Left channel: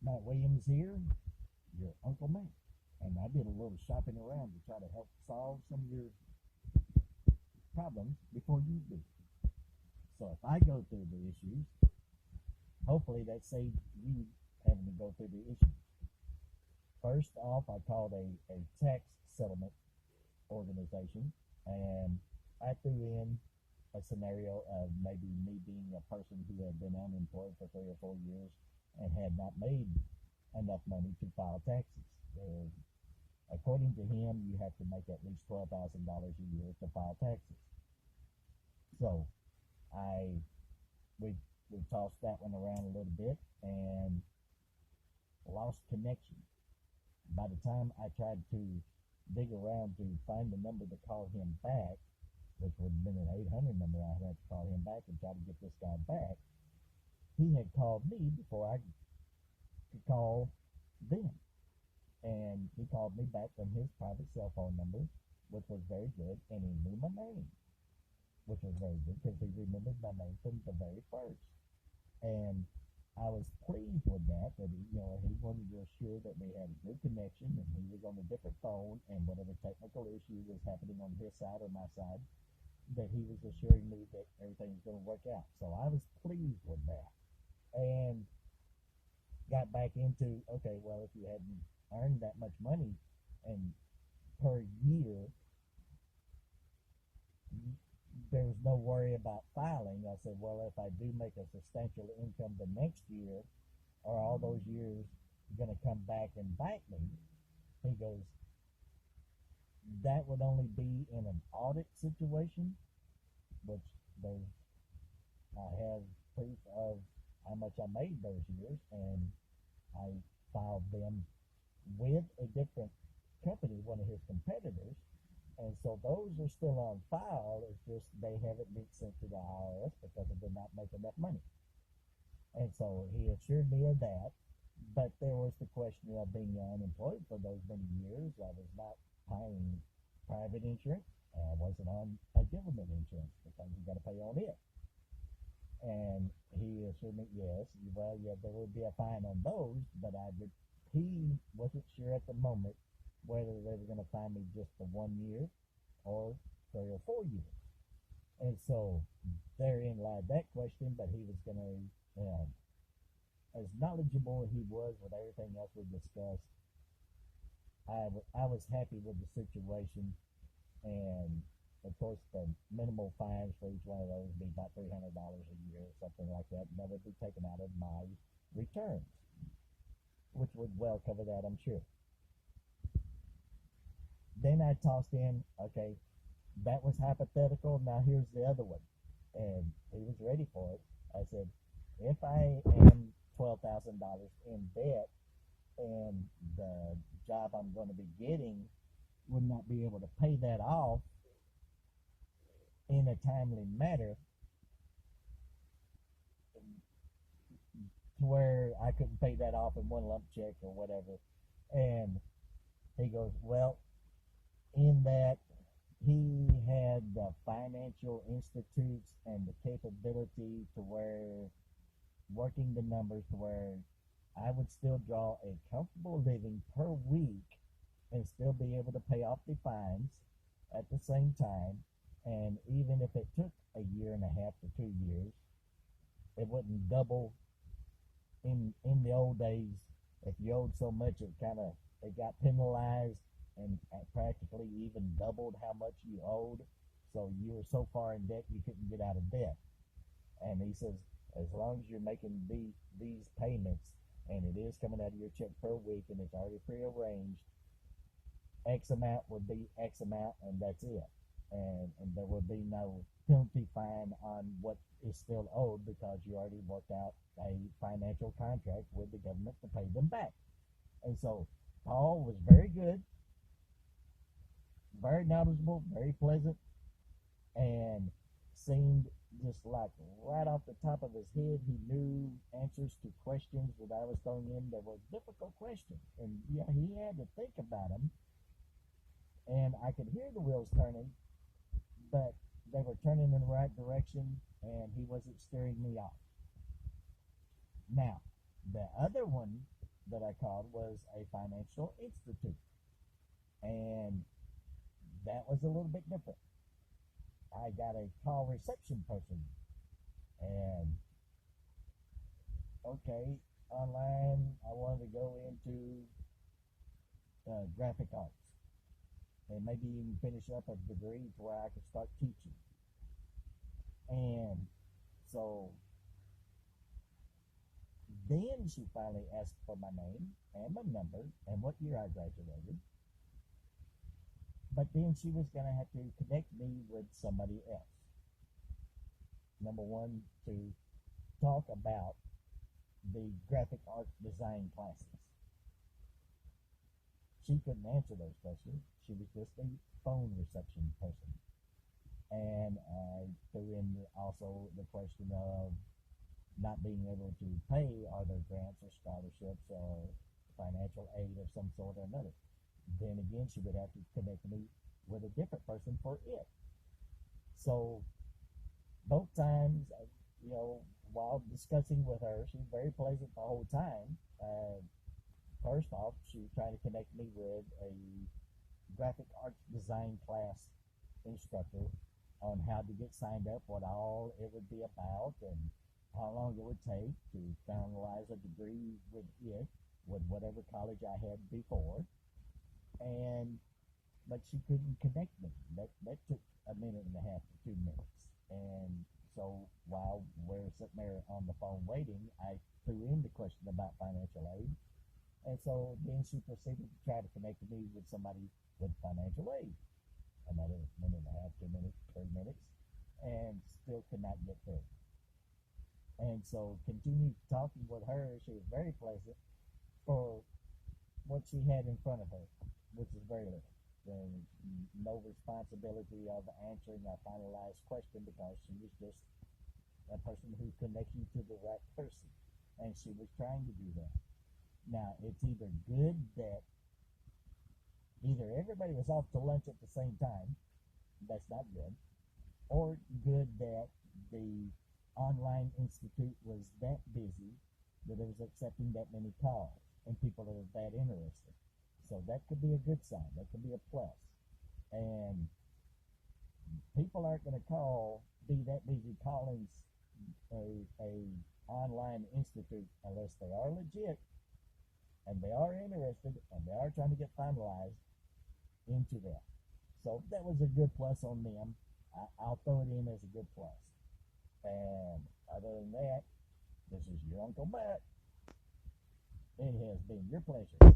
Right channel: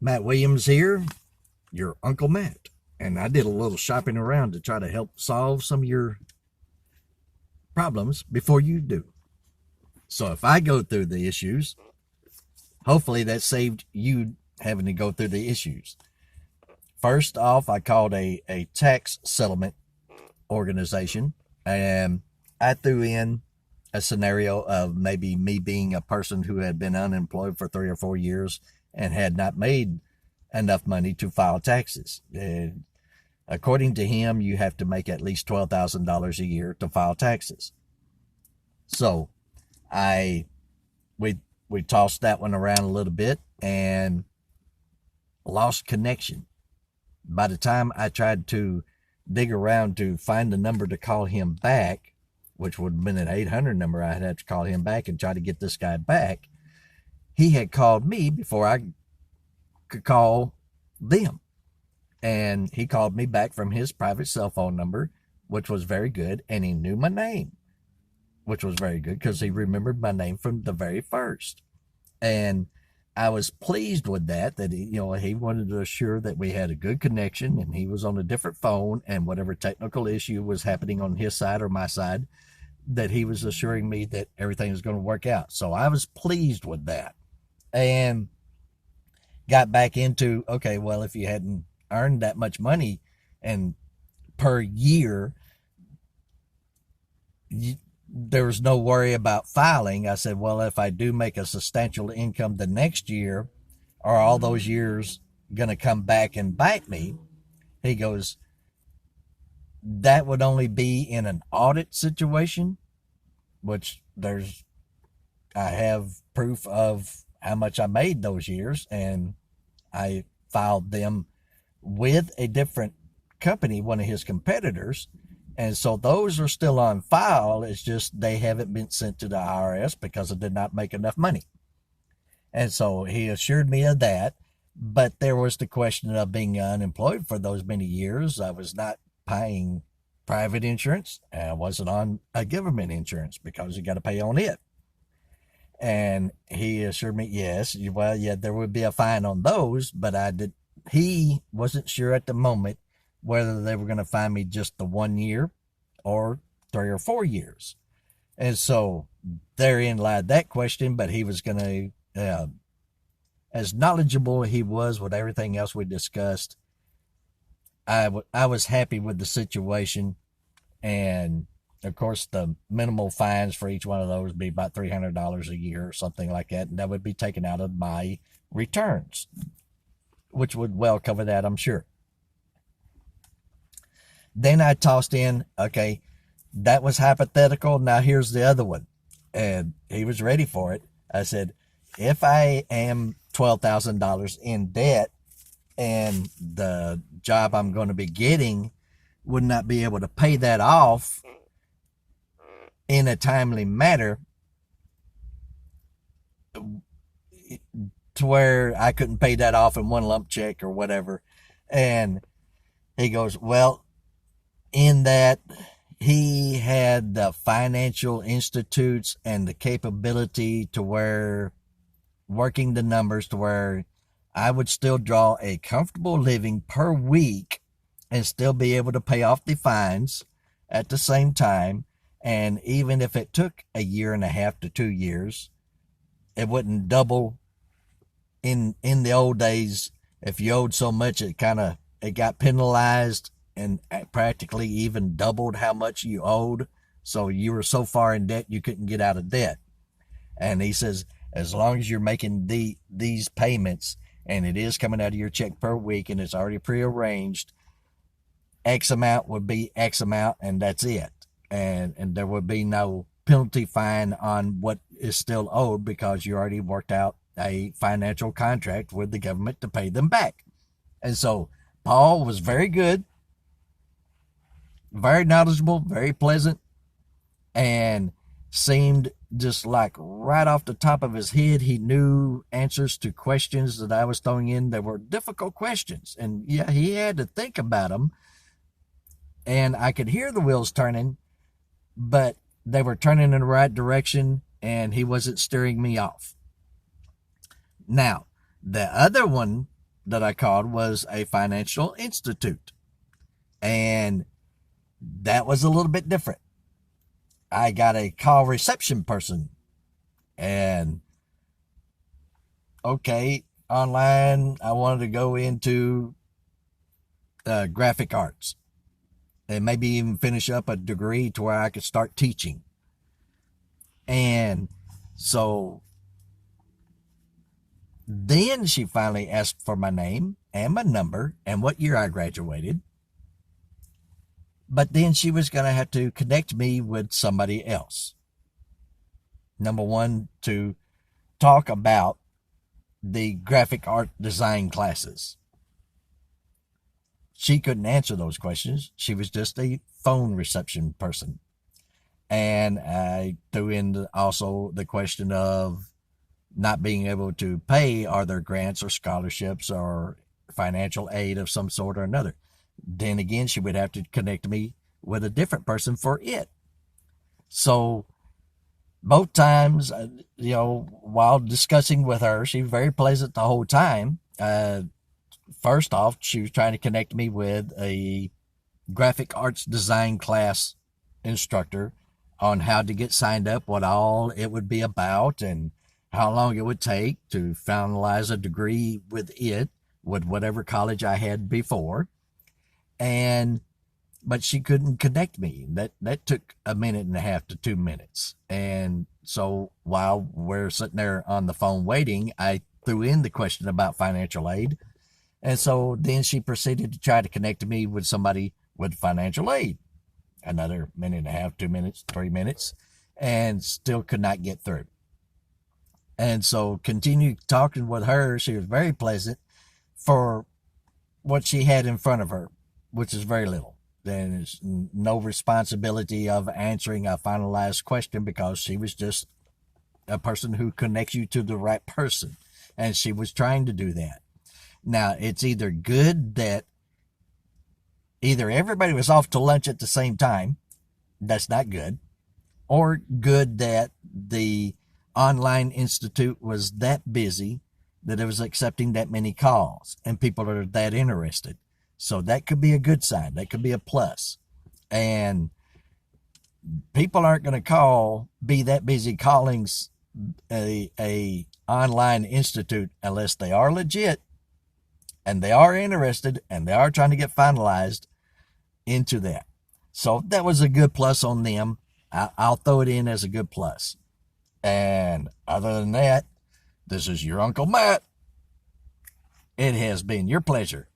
Matt Williams here, your Uncle Matt. And I did a little shopping around to try to help solve some of your problems before you do. So if I go through the issues, hopefully that saved you having to go through the issues. First off, I called a tax settlement organization, and I threw in a scenario of maybe me being a person who had been unemployed for 3 or 4 years and had not made enough money to file taxes. According to him, you have to make at least $12,000 a year to file taxes. So I we we tossed that one around a little bit and lost connection. By the time I tried to dig around to find the number to call him back, which would have been an 800 number, I'd have to call him back and try to get this guy back. He had called me before I could call them. And he called me back from his private cell phone number, which was very good. And he knew my name, which was very good because he remembered my name from the very first. And I was pleased with that he wanted to assure that we had a good connection and he was on a different phone, and whatever technical issue was happening on his side or my side, that he was assuring me that everything was going to work out. So I was pleased with that. And got back into, okay, well, if you hadn't earned that much money and per year, there was no worry about filing. I said, well, if I do make a substantial income the next year, are all those years going to come back and bite me? He goes, that would only be in an audit situation, which I have proof of how much I made those years, and I filed them with a different company, one of his competitors. And so those are still on file. It's just they haven't been sent to the IRS because I did not make enough money. And so he assured me of that. But there was the question of being unemployed for those many years. I was not paying private insurance, and I wasn't on a government insurance because you got to pay on it. And he assured me, yes, well, yeah, there would be a fine on those, but he wasn't sure at the moment whether they were going to fine me just the 1 year or 3 or 4 years. And so therein lied that question, but he was going to, as knowledgeable he was with everything else we discussed, I was happy with the situation. And of course, the minimal fines for each one of those would be about $300 a year or something like that. And that would be taken out of my returns, which would well cover that, I'm sure. Then I tossed in, okay, that was hypothetical. Now here's the other one. And he was ready for it. I said, if I am $12,000 in debt and the job I'm going to be getting would not be able to pay that off in a timely manner, to where I couldn't pay that off in one lump check or whatever. And he goes, well, in that he had the financial institutes and the capability to where working the numbers to where I would still draw a comfortable living per week and still be able to pay off the fines at the same time. And even if it took a year and a half to 2 years, it wouldn't double. In the old days, if you owed so much, it got penalized and practically even doubled how much you owed. So you were so far in debt you couldn't get out of debt. And he says, as long as you're making these payments and it is coming out of your check per week and it's already prearranged, X amount would be X amount, and that's it. And there would be no penalty fine on what is still owed because you already worked out a financial contract with the government to pay them back. And so Paul was very good, very knowledgeable, very pleasant, and seemed just like right off the top of his head, he knew answers to questions that I was throwing in. They were difficult questions, and yeah, he had to think about them. And I could hear the wheels turning, but they were turning in the right direction, and he wasn't steering me off. Now, the other one that I called was a financial institute. And that was a little bit different. I got a call reception person, and okay, online, I wanted to go into graphic arts and maybe even finish up a degree to where I could start teaching. And so then she finally asked for my name and my number and what year I graduated. But then she was going to have to connect me with somebody else. Number one, to talk about the graphic art design classes. She couldn't answer those questions. She was just a phone reception person. And I threw in also the question of not being able to pay. Are there grants or scholarships or financial aid of some sort or another? Then again, she would have to connect me with a different person for it. So both times, while discussing with her, she was very pleasant the whole time. First off, she was trying to connect me with a graphic arts design class instructor on how to get signed up, what all it would be about, and how long it would take to finalize a degree with whatever college I had before. But she couldn't connect me. That took a minute and a half to 2 minutes. And so while we're sitting there on the phone waiting, I threw in the question about financial aid. And so then she proceeded to try to connect me with somebody with financial aid. Another minute and a half, 2 minutes, 3 minutes, and still could not get through. And so continued talking with her. She was very pleasant for what she had in front of her, which is very little. There's no responsibility of answering a finalized question because she was just a person who connects you to the right person. And she was trying to do that. Now, it's either good that either everybody was off to lunch at the same time, that's not good, or good that the online institute was that busy that it was accepting that many calls and people are that interested. So that could be a good sign. That could be a plus. And people aren't going to be that busy calling a online institute unless they are legit and they are interested and they are trying to get finalized into that. So that was a good plus on them. I'll throw it in as a good plus. And other than that, this is your Uncle Matt. It has been your pleasure